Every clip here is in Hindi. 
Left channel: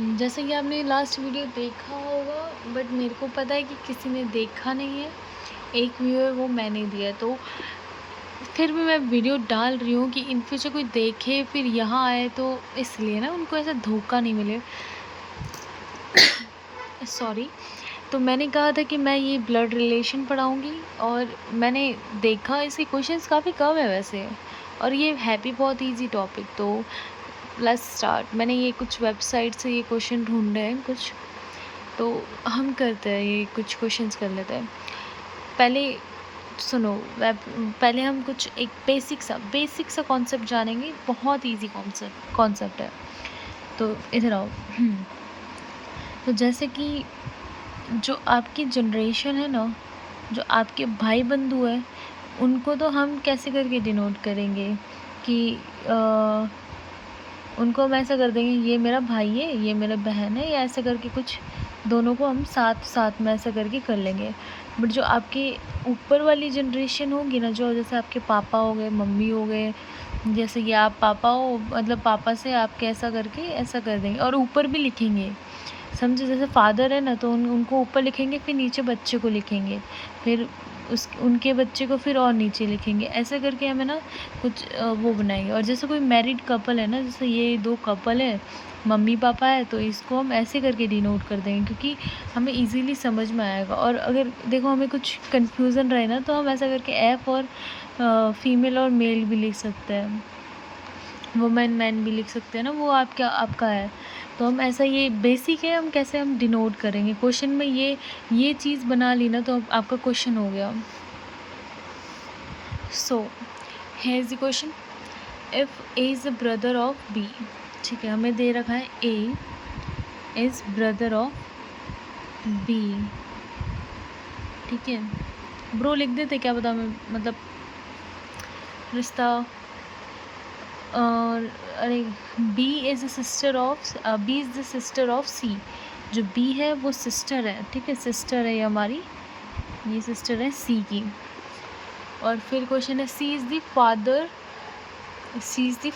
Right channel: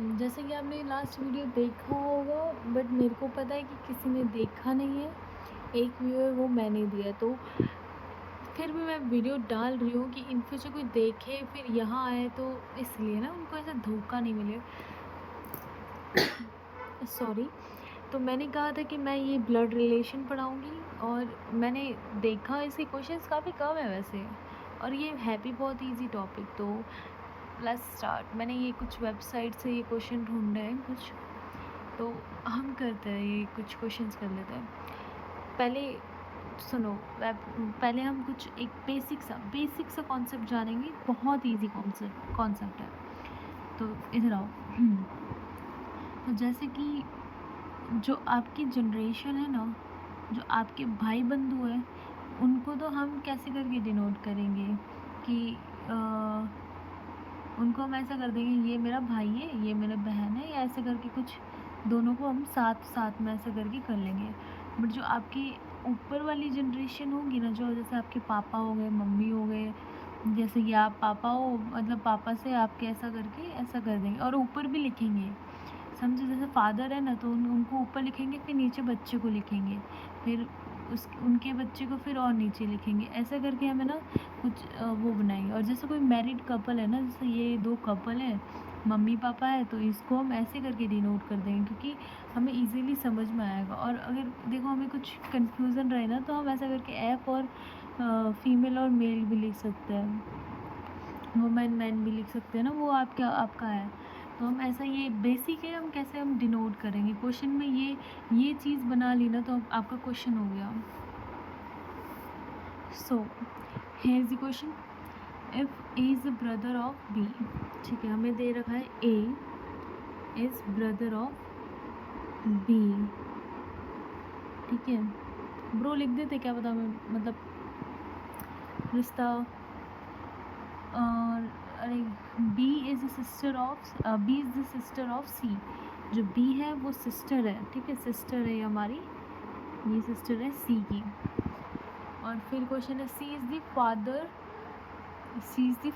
जैसे कि आपने लास्ट वीडियो देखा होगा, बट मेरे को पता है कि किसी ने देखा नहीं है। एक व्यूअर वो मैंने दिया, तो फिर भी मैं वीडियो डाल रही हूँ कि इन फ्यूचर कोई देखे फिर यहाँ आए, तो इसलिए ना उनको ऐसा धोखा नहीं मिले। सॉरी। तो मैंने कहा था कि मैं ये ब्लड रिलेशन पढ़ाऊँगी, और मैंने देखा इसके क्वेश्चंस काफ़ी कम है वैसे, और ये है भी बहुत ईजी टॉपिक। तो लेट्स स्टार्ट। मैंने ये कुछ वेबसाइट से ये क्वेश्चन ढूंढे हैं कुछ, तो हम करते हैं, ये कुछ क्वेश्चंस कर लेते हैं। पहले सुनो, पहले हम कुछ एक बेसिक सा कॉन्सेप्ट जानेंगे। बहुत इजी कॉन्सेप्ट है। तो इधर आओ। तो जैसे कि जो आपकी जनरेशन है ना, जो आपके भाई बंधु है, उनको तो हम कैसे करके डिनोट करेंगे कि उनको हम ऐसा कर देंगे, ये मेरा भाई है, ये मेरा बहन है, या ऐसा करके कुछ दोनों को हम साथ साथ में ऐसा करके कर लेंगे। बट जो आपके ऊपर वाली जनरेशन होगी ना, जो जैसे आपके पापा हो गए, मम्मी हो गए, जैसे कि आप पापा हो, मतलब पापा से आपके ऐसा करके ऐसा कर देंगे, और ऊपर भी लिखेंगे। समझे? जैसे फादर है ना, तो उनको ऊपर लिखेंगे, फिर नीचे बच्चे को लिखेंगे, फिर उनके बच्चे को फिर और नीचे लिखेंगे। ऐसा करके हमें ना कुछ वो बनाएंगे। और जैसे कोई मैरिड कपल है ना, जैसे ये दो कपल है, मम्मी पापा है, तो इसको हम ऐसे करके डिनोट कर देंगे, क्योंकि हमें इजीली समझ में आएगा। और अगर देखो हमें कुछ कन्फ्यूज़न रहे ना, तो हम ऐसा करके एफ और फीमेल और मेल भी लिख सकते हैं, वुमेन मैन भी लिख सकते हैं ना, वो आपका है। तो हम ऐसा, ये बेसिक है, हम कैसे हम डिनोट करेंगे क्वेश्चन में, ये चीज़ बना ली ना, तो आपका क्वेश्चन हो गया। So here is the question. If A is the brother of B, ठीक है, हमें दे रखा है A is brother of B, ठीक है। ब्रो लिख देते, क्या पता मैं, मतलब रिश्ता। और अरे, B is the sister of C. जो बी है वो सिस्टर है, ठीक है, सिस्टर है ये हमारी, ये सिस्टर है सी की। और फिर क्वेश्चन है, C is the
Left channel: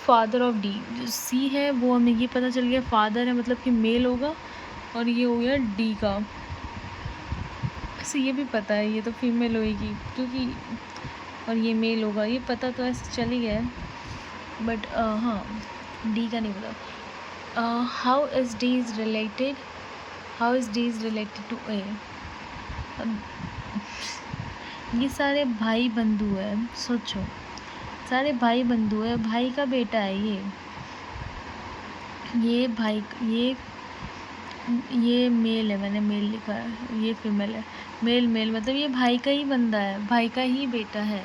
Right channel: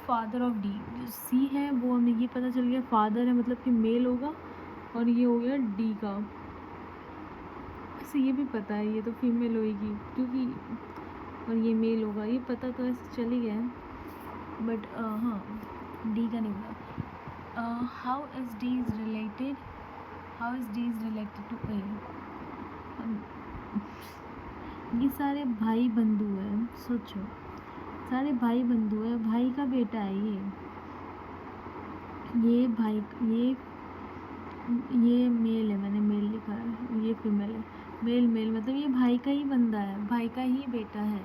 father of D. जो सी है वो हमें ये पता चल गया फादर है, मतलब कि मेल होगा, और ये हो गया डी का। ऐसे ये भी पता है, ये तो फीमेल होएगी क्योंकि, और ये मेल होगा, ये पता तो ऐसे चल ही गया है, बट हाँ, डी का नहीं पता। How is D is related to A. ये सारे भाई बंधु है, सोचो, सारे भाई बंधु है, भाई का बेटा है ये भाई, ये मेल है, मैंने मेल लिखा है, ये फीमेल है। मेल मेल मतलब ये भाई का ही बंदा है, भाई का ही बेटा है।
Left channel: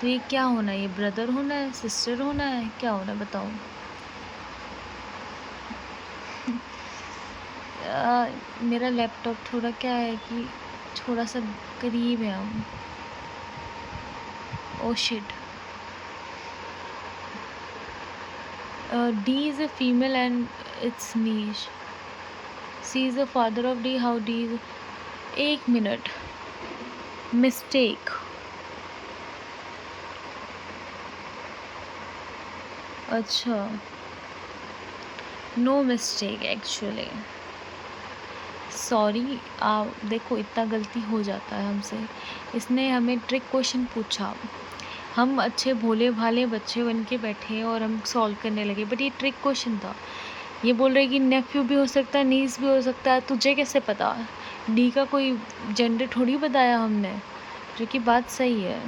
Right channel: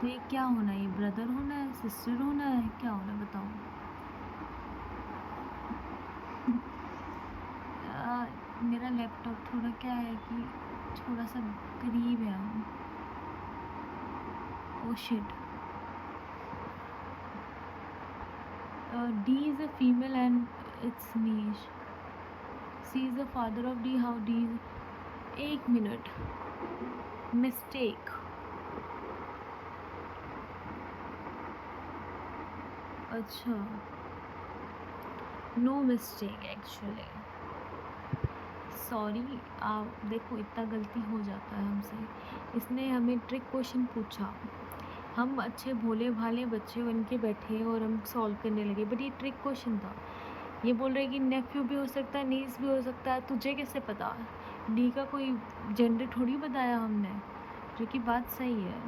तो ये क्या होना है? ये ब्रदर होना है, सिस्टर होना है, क्या होना है बताओ? मेरा लैपटॉप थोड़ा क्या है कि थोड़ा सा करीब है हम। Oh shit. D is a female and it's niche. C is the father of D. How D is? एक मिनट, मिस्टेक। अच्छा, नो मिस्टेक एक्चुअली, सॉरी। देखो इतना गलती हो जाता है हमसे। इसने हमें ट्रिक क्वेश्चन पूछा, हम अच्छे भोले भाले बच्चे बन के बैठे और हम सॉल्व करने लगे, बट ये ट्रिक क्वेश्चन था। ये बोल रहे कि नेफ्यू भी हो सकता है, नीस भी हो सकता है, तुझे कैसे पता? डी का कोई जेंडर थोड़ी बताया हमने, जो कि बात सही है।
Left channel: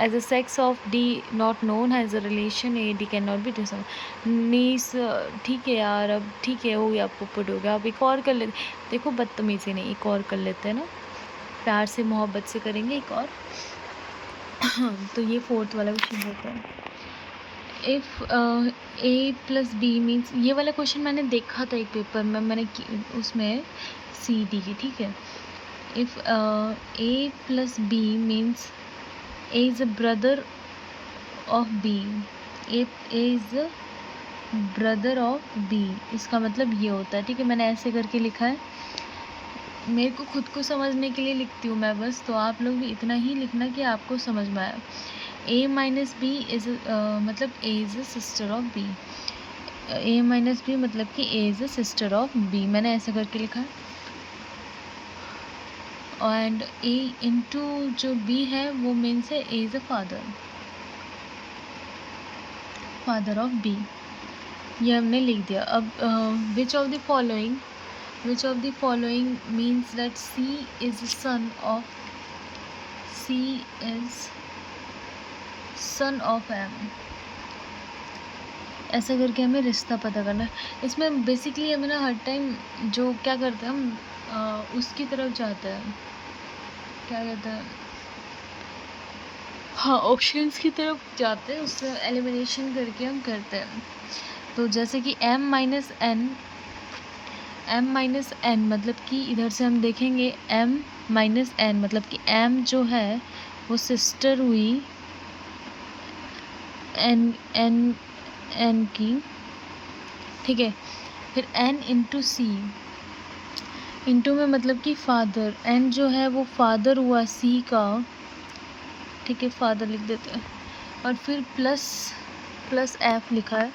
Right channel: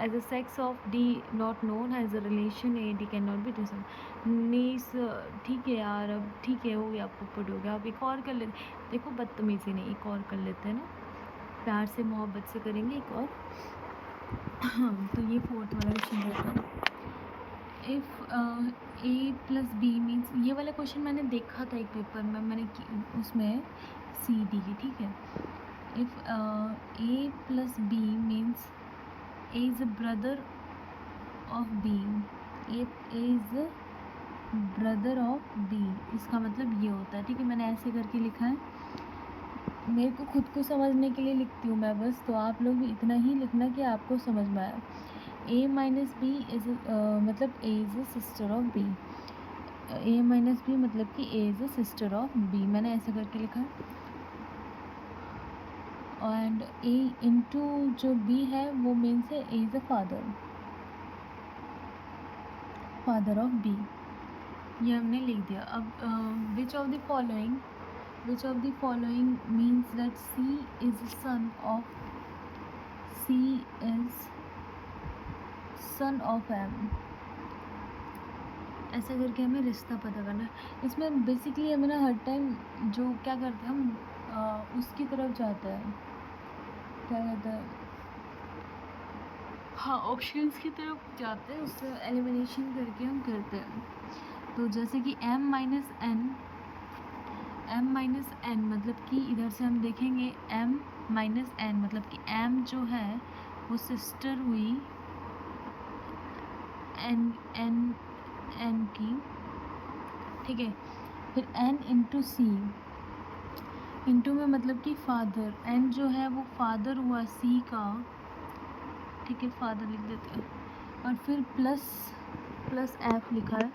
As a sex of D not known, has a relation A D can not be decided. Nice, ठीक है यार, अब ठीक है, हो गया, पुट हो गया। अब एक और कर लेते, देखो बदतमीज़ी नहीं, एक और कर लेते हैं ना, प्यार से मोहब्बत से करेंगे एक और। तो ये फोर्थ वाला क्वेश्चन रहता है। If A plus B means, ये वाला क्वेश्चन मैंने देखा था एक पेपर में, उसमें सी डी की, ठीक है। If A plus B means A is a brother of B, A is a brother of B, इसका मतलब ये होता है, ठीक है। मैंने ऐसे करके लिखा है, मेरे को खुद को समझने के लिए लिखती हूँ मैं बस, तो आप लोग भी इतना ही लिखना कि आपको समझ में आया। ए माइनस बी इज़ मतलब A is a sister of B. A minus B मतलब कि A is a sister of B, मैंने ऐसा करके लिखा है। एंड ए इंटू जो बी है वो मीन्स है A is a father of B, ये हमने लिख दिया। अब which of the following means that C is son of M, ऐसा करके हमें रिश्ता पता करना है। इसमें बेसिकली हमें ना हर टाइम जो क्या करते हैं हम उसकी तरफ जाते हैं, क्या कहते हैं, हाँ ऑप्शंस की तरफ जाते हैं, उससे एलिमिनेशन करके हम करते हैं। तो जैसे कि m माइनस n मतलब कि इधर से हम देखेंगे m माइनस n मतलब कि m जो है वो सिस्टर हुई n की, ठीक है। फिर n इंटू सी, इंटू में मतलब कि फादर, n जो है वो फादर हुआ c का, ठीक है, फादर लिख देते हैं। और फिर प्लस f लिखा है,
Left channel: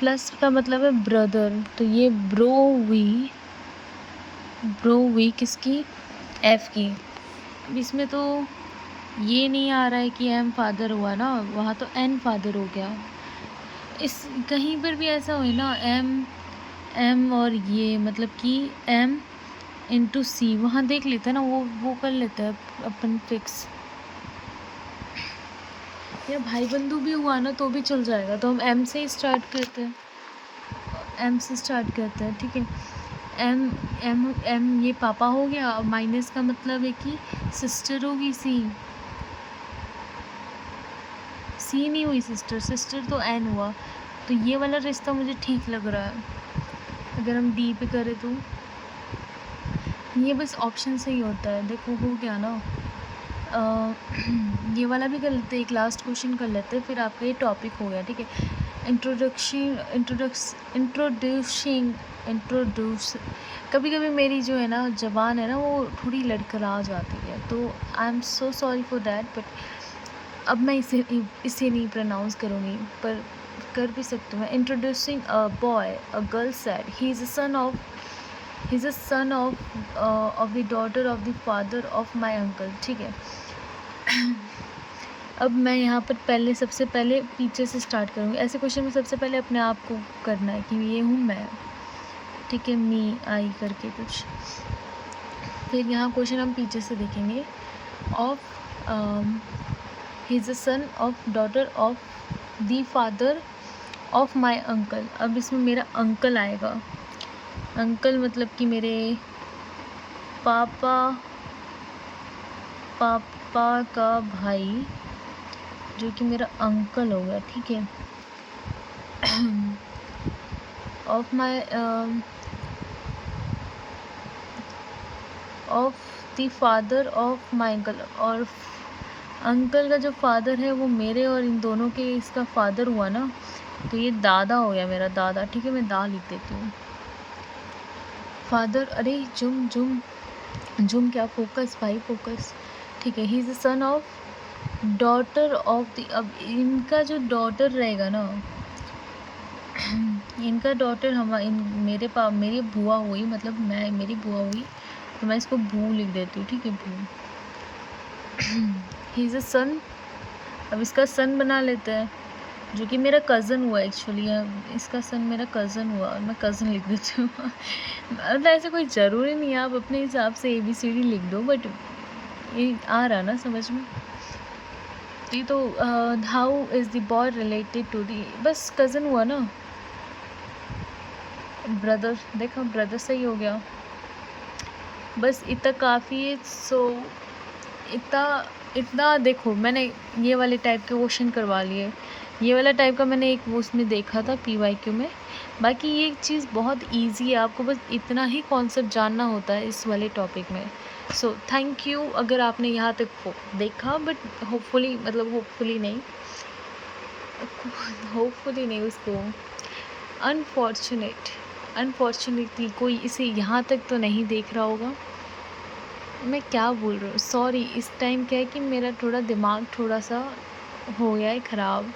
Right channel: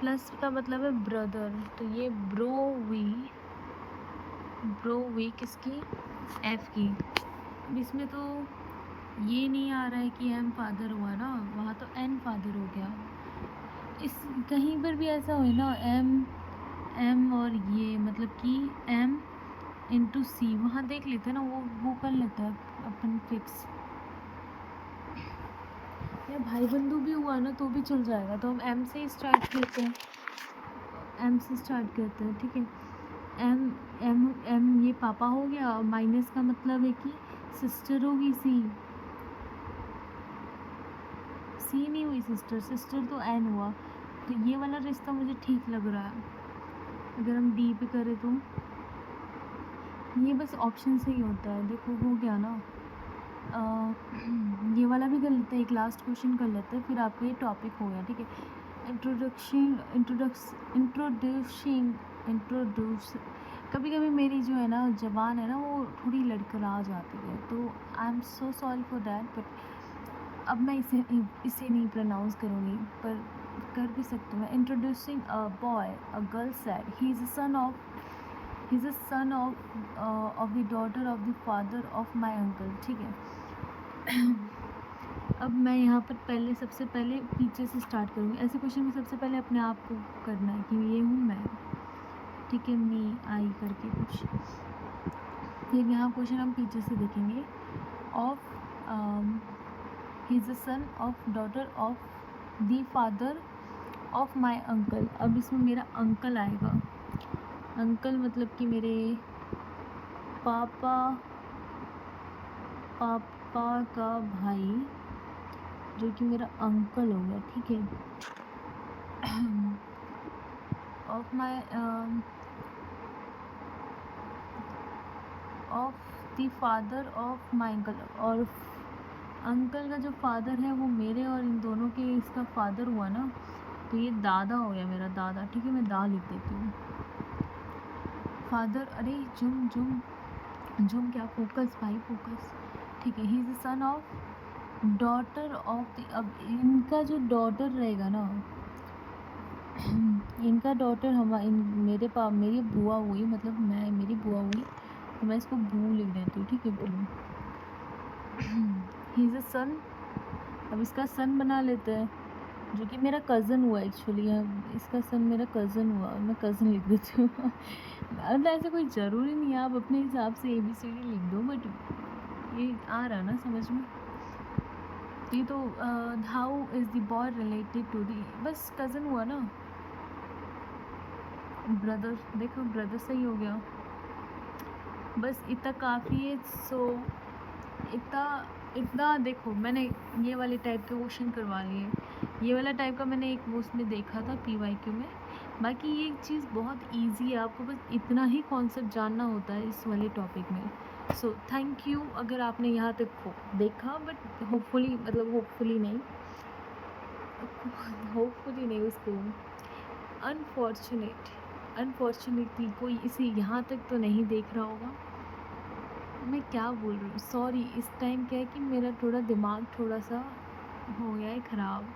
प्लस का मतलब है ब्रदर, तो ये ब्रो हुई किसकी, f की। अब इसमें तो ये नहीं आ रहा है कि m फादर हुआ ना, वहाँ तो n फादर हो गया। इस कहीं पर भी ऐसा हो ना m और ये मतलब कि m इंटू सी, वहाँ देख लेते हैं ना, वो कर लेते हैं अपन फिक्स, या भाई बंधु भी हुआ ना तो भी चल जाएगा। तो हम m से ही स्टार्ट करते हैं, ठीक है। m ये पापा हो गया, माइनस का मतलब है कि सिस्टर होगी सी नहीं हुई सिस्टर तो n हुआ। तो ये वाला रिश्ता मुझे ठीक लग रहा है। अगर हम d पे करें तो ये बस ऑप्शन से ही होता है, देखो हो गया ना। ये वाला भी कर लेते हैं, एक लास्ट क्वेश्चन कर लेते हैं, फिर आपका ये टॉपिक हो गया, ठीक है। इंट्रोड्यूस कभी कभी मेरी जो है ना ज़बान है ना वो थोड़ी लड़खड़ा जाती है, तो I am so sorry for that, but अब मैं इसे नहीं प्रोनाउंस करूँगी, पर कर भी सकती हूँ मैं। Introducing a boy, a girl said he is a son of the daughter of the father of my uncle, ठीक है। अब मैं यहाँ पर सबसे पहले पीछे से स्टार्ट करूँगी। ऐसे क्वेश्चन में सबसे पहले अपने आप को करना है कि ये हूँ मैं, ठीक है, मी आई करके कुछ। फिर यहाँ क्वेश्चन हम पीछे से देखेंगे। Of he is a son of daughter of the father of my uncle. अब इसमें मेरा अंकल आएगा, अंकल मतलब कि मेरे पापा का भाई, जो कि मेरा अंकल हो गया, ठीक है। Of my of the father of my uncle, और अंकल का जो फादर है वो मेरे और इन दोनों के इसका फादर हुआ ना, तो ये दादा हो गया, मेरा दादा, ठीक है। मैं दा लिख देती हूँ। फादर, अरे जुम क्या, फोकस भाई फोकस, ठीक है। He is the son of daughter of the, अब इनका जो डॉटर रहेगा ना, इनका डॉटर मेरी बुआ हुई, मतलब मेरी बुआ हुई, तो मैं इसको बू लिख देती हूँ, ठीक है, बू। ही इज़ अ सन, अब इसका सन बना लेते हैं, जो कि मेरा कज़न हुआ एक्चुअली, इसका सन मेरा कज़न हुआ और मैं कज़न लिख देती हूँ। मतलब ऐसा कोई ज़रूरी नहीं है, आप अपने हिसाब से ABCD लिख दो, बट ये आ रहा ना समझ में। तो how is the boy related to D, बस कज़न हुआ ना, ब्रदर, देखो ब्रदर सही हो गया, बस इतना काफ़ी है। सो इतना देखो, मैंने ये वाले टाइप के क्वेश्चन करवा लिए, ये वाला टाइप का मैंने एक वो उसमें देखा था PYQ में। बाकी ये चीज़ बहुत इजी है, आपको बस इतना ही कॉन्सेप्ट जानना होता है इस वाले टॉपिक में। सो थैंक यू अगर आपने यहाँ तक देखा, बट होपफुली नहीं उसको अनफॉर्चुनेटली कोई इसे यहाँ तक तो नहीं देख रहा होगा। मैं क्या बोल रही हूँ, सॉरी। इस टाइम क्या है कि मेरा दिमाग थोड़ा सा हो गया है ख़राब।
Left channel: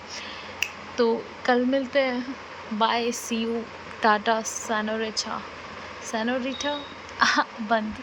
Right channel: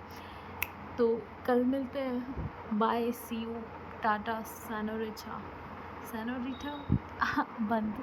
तो कल मिलते हैं। बाय, सी यू, टाटा, सैनोरिटा, सैनोरिटा बंद।